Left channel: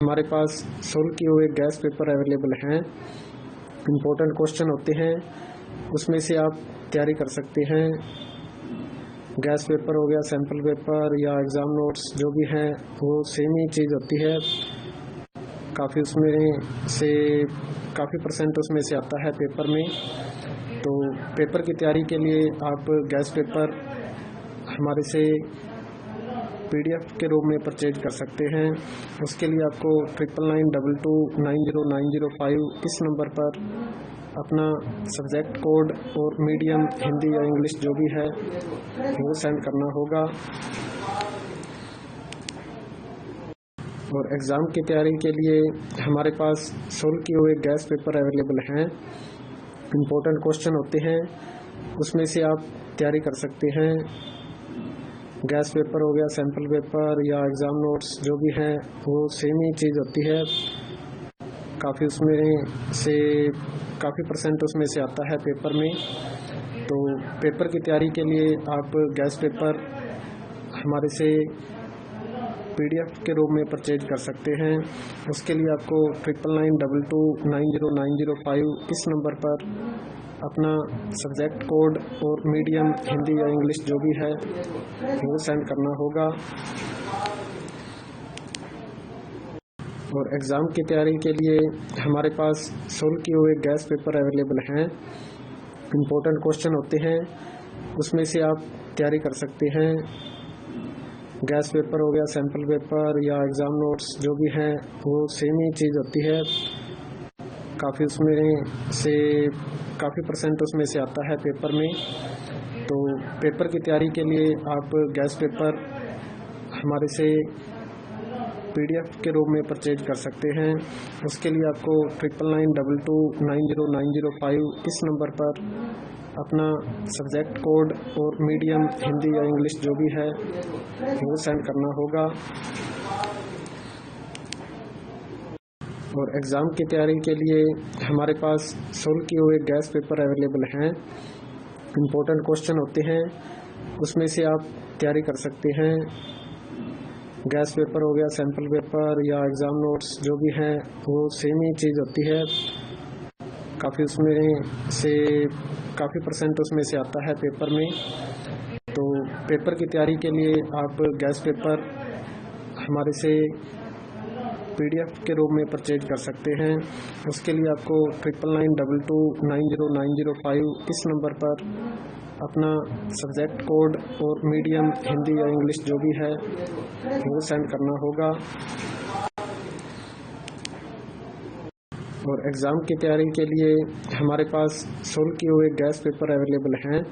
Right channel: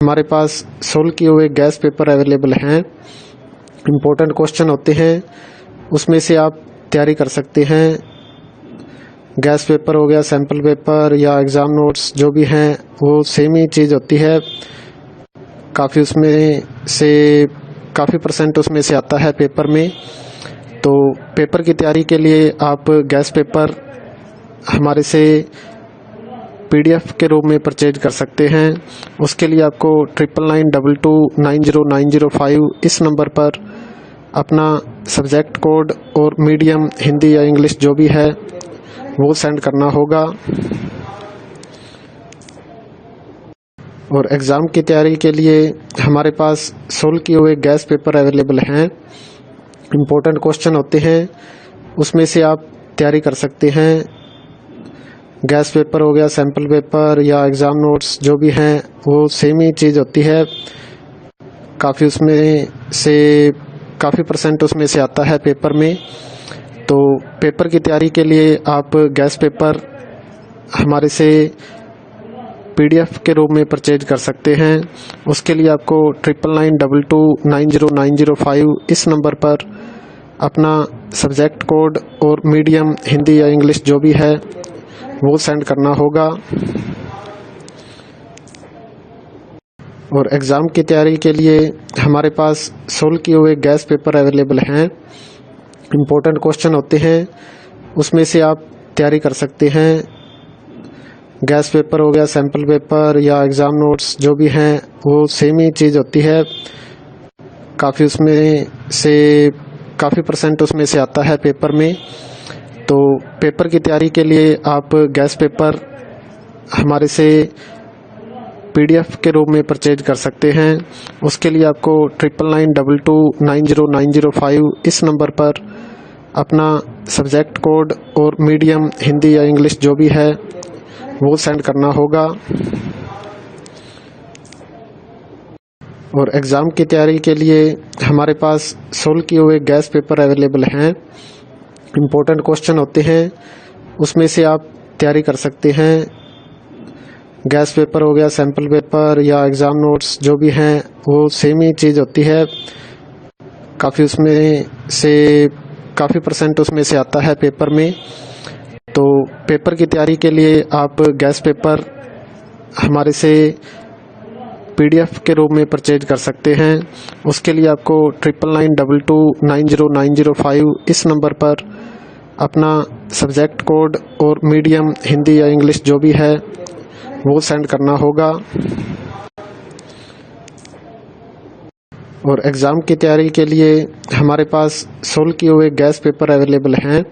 हमारे पास सोल्व किए हुए गैस पेपर अवेलेबल हैं। इम्पोर्टेंट क्वेश्चन होते हैं, उसमें से आप तैयारी कर सकते हैं। गैस पेपर हो गया, सैम्पल पेपर या एग्ज़ाम नोट्स जो भी हैं वो सेम ही चीज़ होती है। काफ़ी उसमें से काफ़ी परसेंट उसमें से आता है पेपर में। तो पेपर की तैयारी के लिए आप गैस पेपर हमारे से PDF के रूप में परचेज कर सकते हैं। उसके लिए आपको 9992290905 इस नंबर पर अपना सब्जेक्ट कोड और मीडियम हिंदी या इंग्लिश जो भी है वो सेंड करना होगा। और एग्ज़ाम की तैयारी के लिए हमारे पास सोल्व किए हुए गैस पेपर अवेलेबल हैं। इम्पोर्टेंट क्वेश्चन होते हैं, उसमें से आप तैयारी कर सकते हैं। गैस पेपर हो गया, सैम्पल पेपर या एग्ज़ाम नोट्स जो भी हैं वो सेम ही चीज़ होती है। काफ़ी उसमें से काफ़ी परसेंट उसमें से आता है पेपर में। तो पेपर की तैयारी के लिए आप गैस पेपर हमारे से PDF के रूप में परचेज कर सकते हैं। उसके लिए आपको 9992290905 इस नंबर पर अपना सब्जेक्ट कोड और मीडियम हिंदी या इंग्लिश जो भी है वो सेंड करना होगा। और एग्ज़ाम की तैयारी के लिए हमारे पास सोल्व किए हुए गैस पेपर अवेलेबल हैं। इम्पोर्टेंट क्वेश्चन होते हैं, उसमें से आप तैयारी कर सकते हैं। गैस पेपर हो गया, सैम्पल पेपर या एग्ज़ाम नोट्स जो भी हैं वो सेम ही चीज़ होती है। काफ़ी उसमें से काफ़ी परसेंट उसमें से आता है पेपर में। तो पेपर की तैयारी के लिए आप गैस पेपर हमारे से PDF के रूप में परचेज कर सकते हैं। उसके लिए आपको 9992290905 इस नंबर पर अपना सब्जेक्ट कोड और मीडियम हिंदी या इंग्लिश जो भी है वो सेंड करना होगा। और एग्ज़ाम की तैयारी के लिए हमारे पास सोल्व किए हुए गैस पेपर अवेलेबल हैं। इम्पोर्टेंट क्वेश्चन होते हैं, उसमें से आप तैयारी कर सकते हैं। गैस पेपर हो गया, सैम्पल पेपर या एग्ज़ाम नोट्स जो भी हैं वो सेम ही चीज़ होती है। काफ़ी उसमें से काफ़ी परसेंट उसमें से आता है पेपर में। तो पेपर की तैयारी के लिए आप गैस पेपर हमारे से PDF के रूप में परचेज कर सकते हैं। उसके लिए आपको 9992290905 इस नंबर पर अपना सब्जेक्ट कोड और मीडियम हिंदी या इंग्लिश जो भी है वो सेंड करना होगा। और एग्ज़ाम की तैयारी के लिए हमारे पास सोल्व किए हुए गैस पेपर अवेलेबल हैं।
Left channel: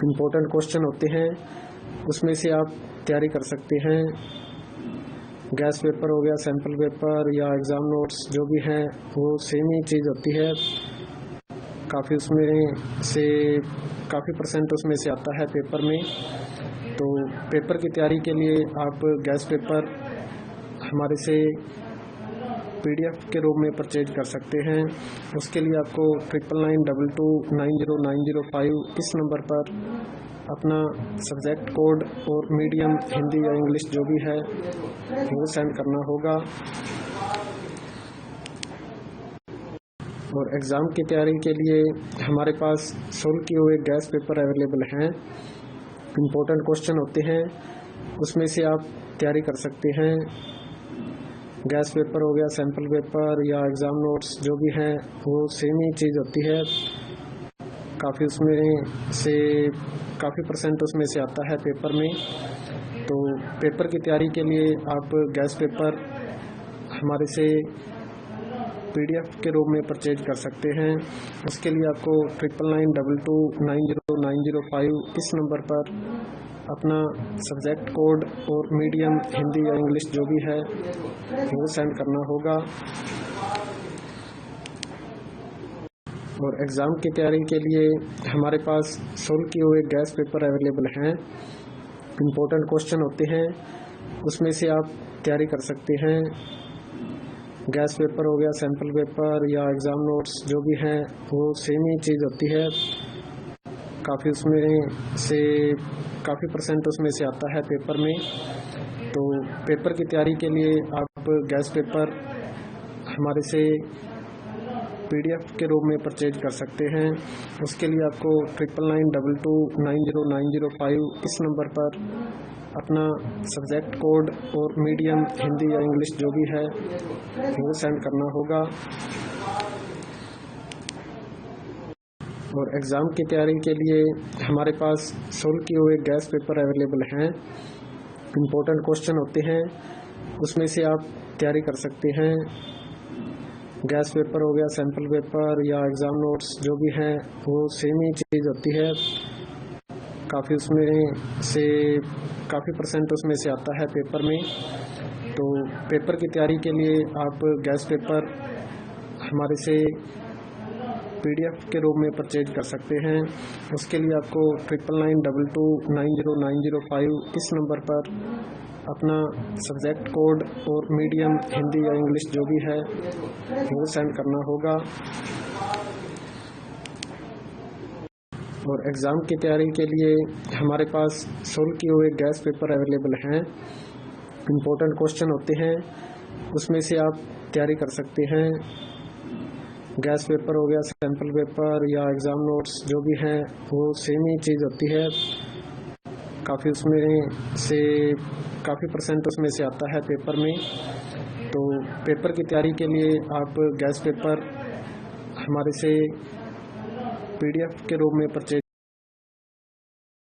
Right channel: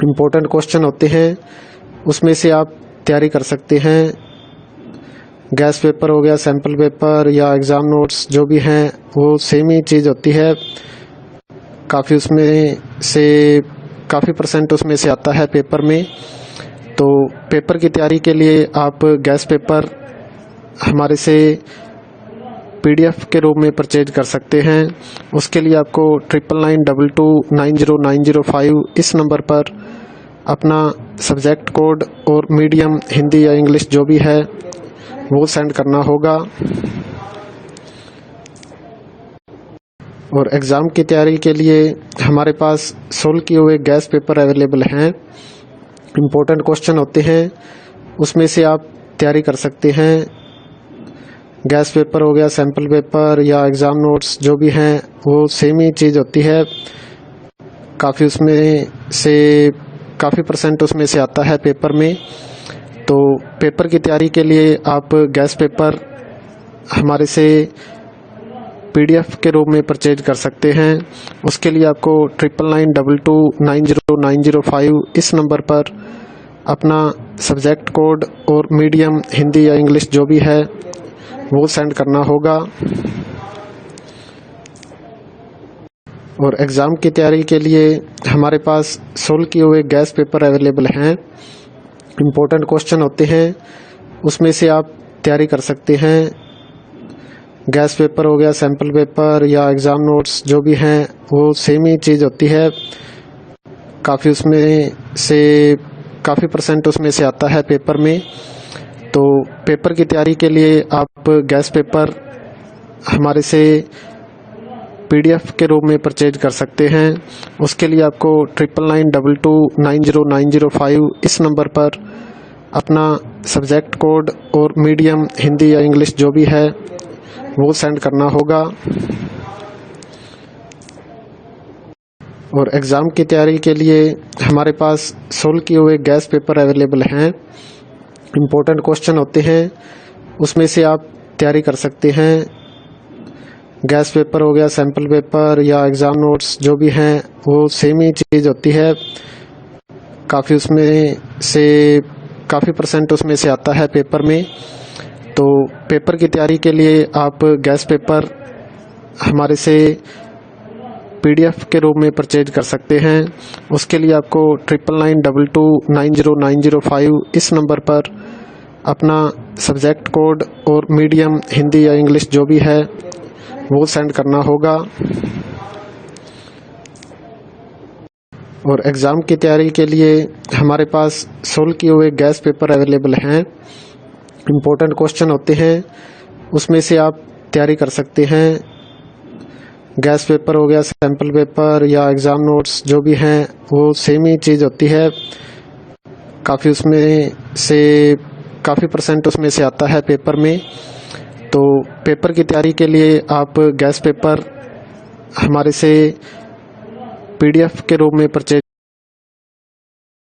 इम्पोर्टेंट क्वेश्चन होते हैं, उसमें से आप तैयारी कर सकते हैं। गैस पेपर हो गया, सैम्पल पेपर या एग्ज़ाम नोट्स जो भी हैं वो सेम ही चीज़ होती है। काफ़ी उसमें से काफ़ी परसेंट उसमें से आता है पेपर में। तो पेपर की तैयारी के लिए आप गैस पेपर हमारे से PDF के रूप में परचेज कर सकते हैं। उसके लिए आपको 9992290905 इस नंबर पर अपना सब्जेक्ट कोड और मीडियम हिंदी या इंग्लिश जो भी है वो सेंड करना होगा। और एग्ज़ाम की तैयारी के लिए हमारे पास सोल्व किए हुए गैस पेपर अवेलेबल हैं। इम्पोर्टेंट क्वेश्चन होते हैं, उसमें से आप तैयारी कर सकते हैं। गैस पेपर हो गया, सैम्पल पेपर या एग्ज़ाम नोट्स जो भी हैं वो सेम ही चीज़ होती है। काफ़ी उसमें से काफ़ी परसेंट उसमें से आता है पेपर में। तो पेपर की तैयारी के लिए आप गैस पेपर हमारे से PDF के रूप में परचेज कर सकते हैं। उसके लिए आपको 9992290905 इस नंबर पर अपना सब्जेक्ट कोड और मीडियम हिंदी या इंग्लिश जो भी है वो सेंड करना होगा। और एग्ज़ाम की तैयारी के लिए हमारे पास सोल्व किए हुए गैस पेपर अवेलेबल हैं। इम्पोर्टेंट क्वेश्चन होते हैं, उसमें से आप तैयारी कर सकते हैं। गैस पेपर हो गया, सैम्पल पेपर या एग्ज़ाम नोट्स जो भी हैं वो सेम ही चीज़ होती है। काफ़ी उसमें से काफ़ी परसेंट उसमें से आता है पेपर में। तो पेपर की तैयारी के लिए आप गैस पेपर हमारे से PDF के रूप में परचेज कर सकते हैं। उसके लिए आपको 9992290905 इस नंबर पर अपना सब्जेक्ट कोड और मीडियम हिंदी या इंग्लिश जो भी है वो सेंड करना होगा। और एग्ज़ाम की तैयारी के लिए हमारे पास सोल्व किए हुए गैस पेपर अवेलेबल हैं। इम्पोर्टेंट क्वेश्चन होते हैं, उसमें से आप तैयारी कर सकते हैं। गैस पेपर हो गया, सैम्पल पेपर या एग्ज़ाम नोट्स जो भी हैं वो सेम ही चीज़ होती है। काफ़ी परसेंट उसमें से आता है पेपर में। तो पेपर की तैयारी के लिए आप गैस पेपर हमारे से PDF के रूप में परचेज कर सकते हैं। उसके लिए आपको 9992290905 इस नंबर पर अपना सब्जेक्ट कोड और मीडियम हिंदी या इंग्लिश जो भी है वो सेंड करना होगा। और एग्ज़ाम की तैयारी के लिए हमारे पास सोल्व किए हुए गैस पेपर अवेलेबल हैं। इम्पोर्टेंट क्वेश्चन होते हैं, उसमें से आप तैयारी कर सकते हैं। गैस पेपर हो गया, सैम्पल पेपर या एग्ज़ाम नोट्स जो भी हैं वो सेम ही चीज़ होती है। काफ़ी परसेंट उसमें से आता है पेपर में। तो पेपर की तैयारी के लिए आप गैस पेपर हमारे से PDF के रूप में परचेज